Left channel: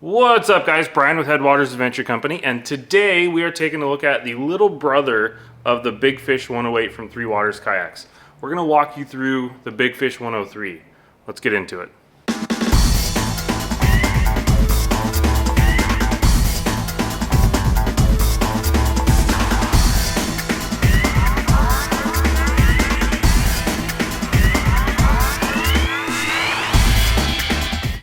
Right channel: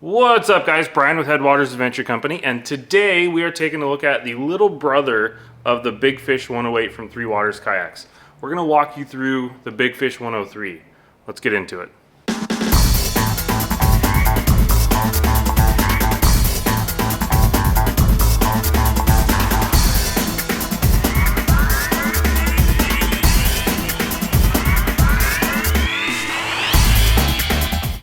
What's up, guys? Brian with Headwaters Adventure Company, and today we are taking a look at the little brother of the Big Fish 108 from Three Waters Kayaks. We're going to walk you through the Big Fish 103. Let's get into it.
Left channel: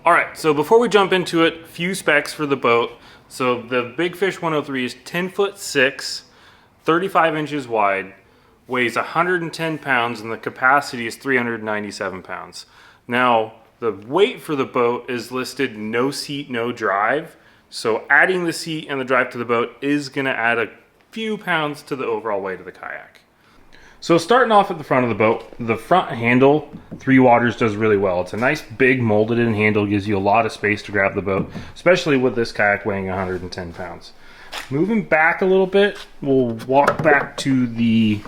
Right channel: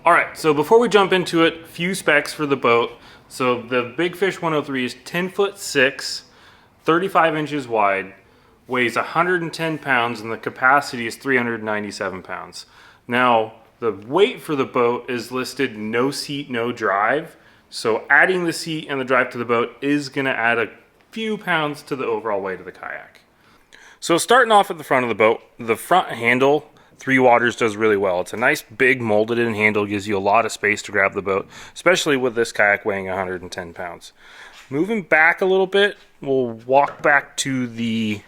Alright, so before we jump into it, few specs for the boat. So the Big Fish 103 is 10'6", 35 inches wide, weighs 110 pounds, and the capacity is 397 pounds. Now, the weight for the boat is listed no seat, no drive. So adding the seat and the drive to the boat is going to add a few pounds to the overall weight of the kayak. So starting off at the front of the boat, the front handle, Three Waters does really well. It's a nice big molded in handle, gives you a lot of space to grab the boat, especially with this kayak weighing 110 pounds. Moving back a little bit, we'll walk back to the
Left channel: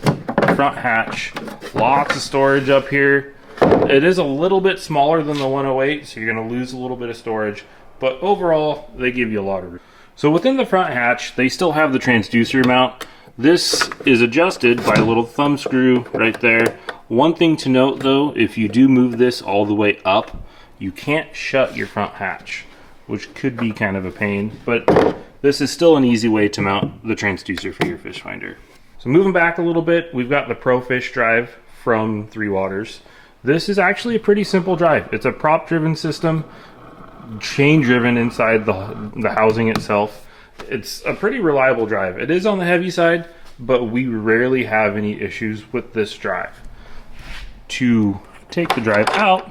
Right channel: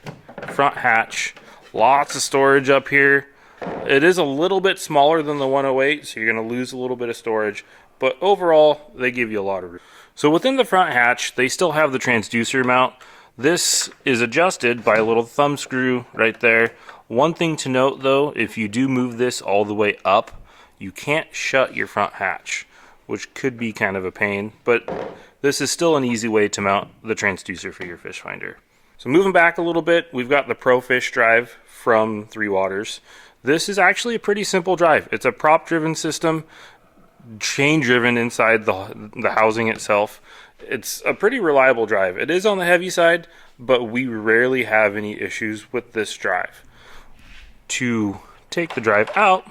front hatch. Lots of storage up here. It is a little bit smaller than the 108, so you're going to lose a little bit of storage, but overall, they give you a lot of room. So within the front hatch, they still have the transducer mount. This is adjusted by a little thumb screw right there. One thing to note though, if you do move this all the way up, you can't shut your front hatch, which could be kind of a pain, but this is still an easy way to mount the transducer for your fish finder. So moving back a little bit, we've got the Pro Fish drive from Three Waters. This is actually a pretty simple drive. It's a prop driven system, chain driven inside the housing itself. It's a pretty reliable drive. It is on the heavy side, but we rarely have any issues with this drive. To take the drive out,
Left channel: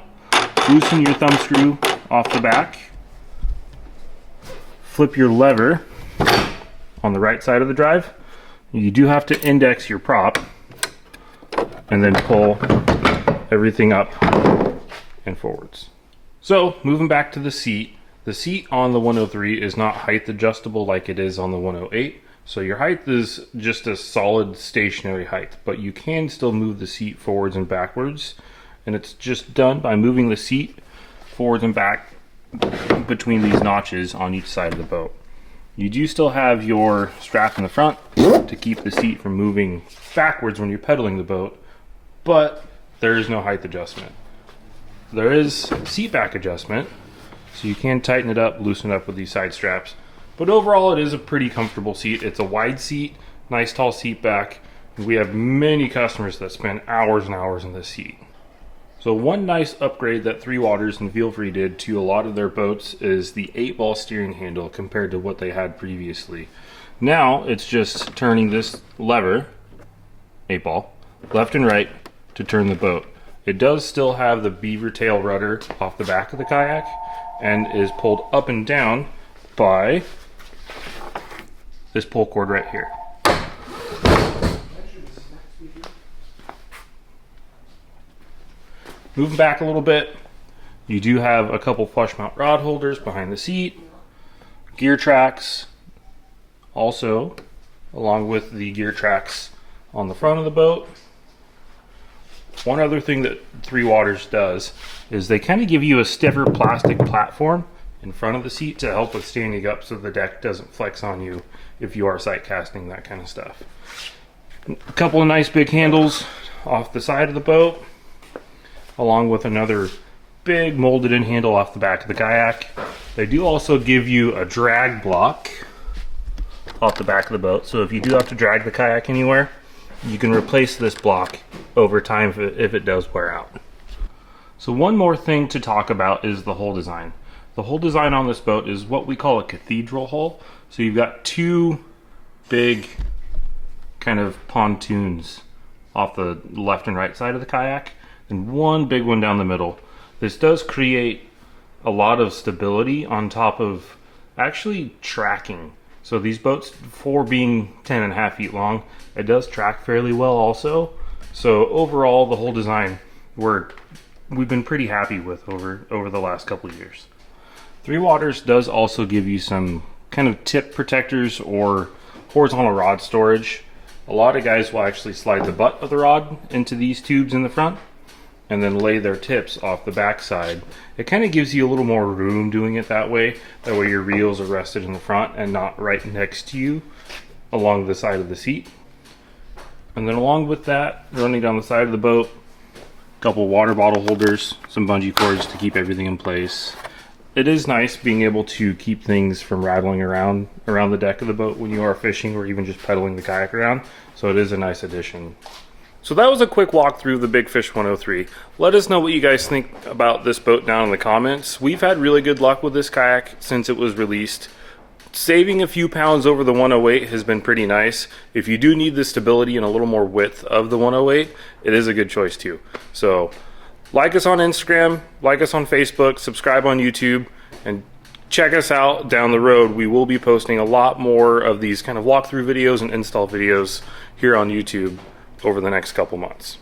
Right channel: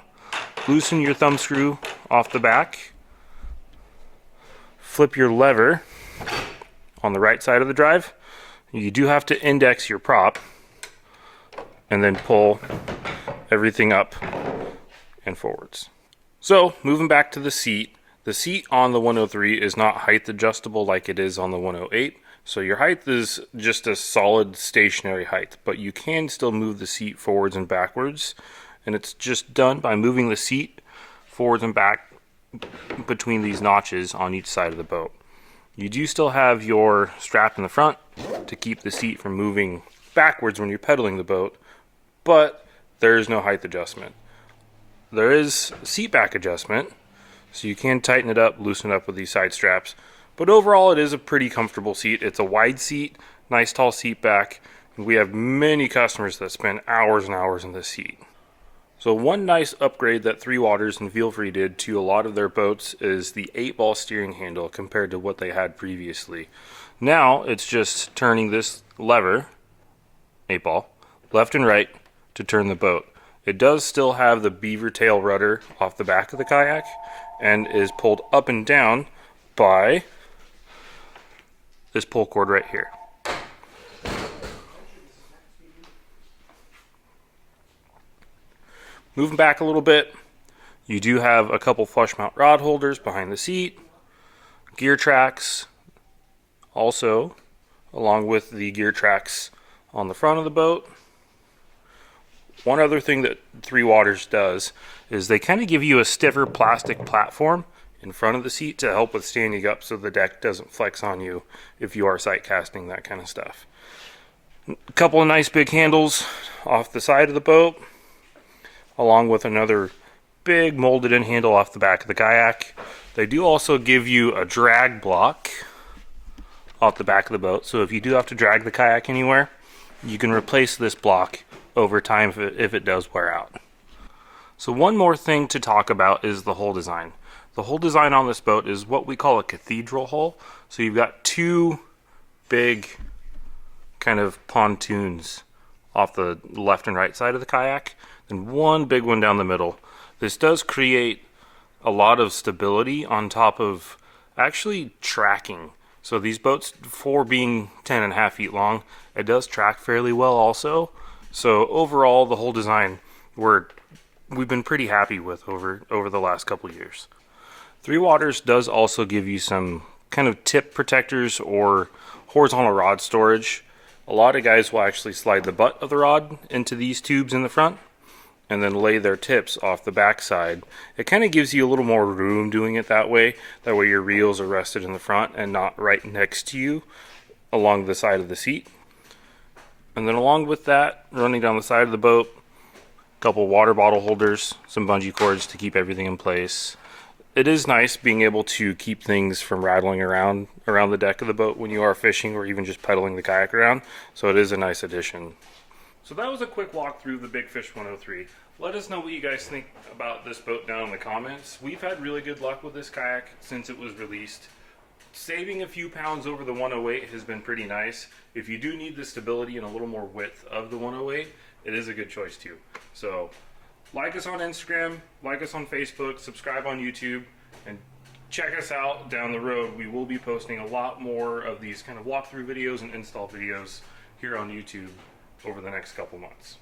loosen your thumb screw off the back, flip your lever on the right side of the drive. You do have to index your prop and then pull everything up and forwards. So moving back to the seat. The seat on the 103 is not height adjustable like it is on the 108. So your height is just a solid stationary height, but you can still move the seat forwards and backwards. And it's just done by moving the seat forwards and back between these notches on each side of the boat. You do still have your strap in the front to keep the seat from moving backwards when you're pedaling the boat, but there is no height adjustment. There is seat back adjustment. So you can tighten it up, loosen it up with these side straps. But overall, it is a pretty comfortable seat. It's a wide seat, nice tall seat back. And we have many customers that spend hours and hours in this seat. So one nice upgrade that Three Waters and Feel Free did to a lot of their boats is the 8-ball steering handle compared to what they had previously. Now it's just turning this lever, 8-ball, left and right to turn the boat. It does still have the beaver tail rudder off the back of the kayak, and is pulled up and down by this pull cord right here. Moving back a little bit, you do have a couple flush mount rod holders behind the seat, gear tracks, also along with the gear tracks on the front of the boat. One other thing that Three Waters does is they kind of give you a stiffer plastic platform in front of the seat to help with standing up so the deck doesn't flex on you if you are sight casting, that kind of stuff. A couple of nice big handles off the side of the boat, along with another big molded in handle off the back of the kayak. They do also give you a drag block off the back of the boat, so if you do have to drag the kayak anywhere, you can replace this block over time if it does wear out. So one more thing to talk about is the hull design. The hull design on this boat is what we call a cathedral hull. So you've got two big kind of pontoons off the left and right side of the kayak, and one big one down the middle. This does create a lot of stability on top of actually tracking. So these boats, for being 10.5 feet long, it does track fairly well also. So overall, the whole design we've been pretty happy with over the last couple of years. Three Waters does also give you some kind of tip protectors or horizontal rod storage. A lot of guys will actually slide the butt of the rod into these tubes in the front. and then lay their tips off the backside. It kind of gives you a little more room doing it that way. That way your reels are rested in the front and not right next to you along the side of the seat. And then along with that, running down the side of the boat, a couple water bottle holders, some bungee cords to keep everything in place. It is nice being able to keep things from rattling around the deck of the boat when you are fishing or even just pedaling the kayak around. So it is a nice addition. So that was a quick walkthrough of the Big Fish 103. Let us know what you guys think about this boat down in the comments. We've had really good luck with this kayak since it was released. Saving a few pounds over the 108 has been pretty nice. If you do need the stability and a little more width of the 108, it is a good choice too. So like us on Instagram, like us on Facebook, subscribe on YouTube, and check us out down the road. We will be posting a lot more of these kind of walkthrough videos and install videos here on YouTube over the next couple months.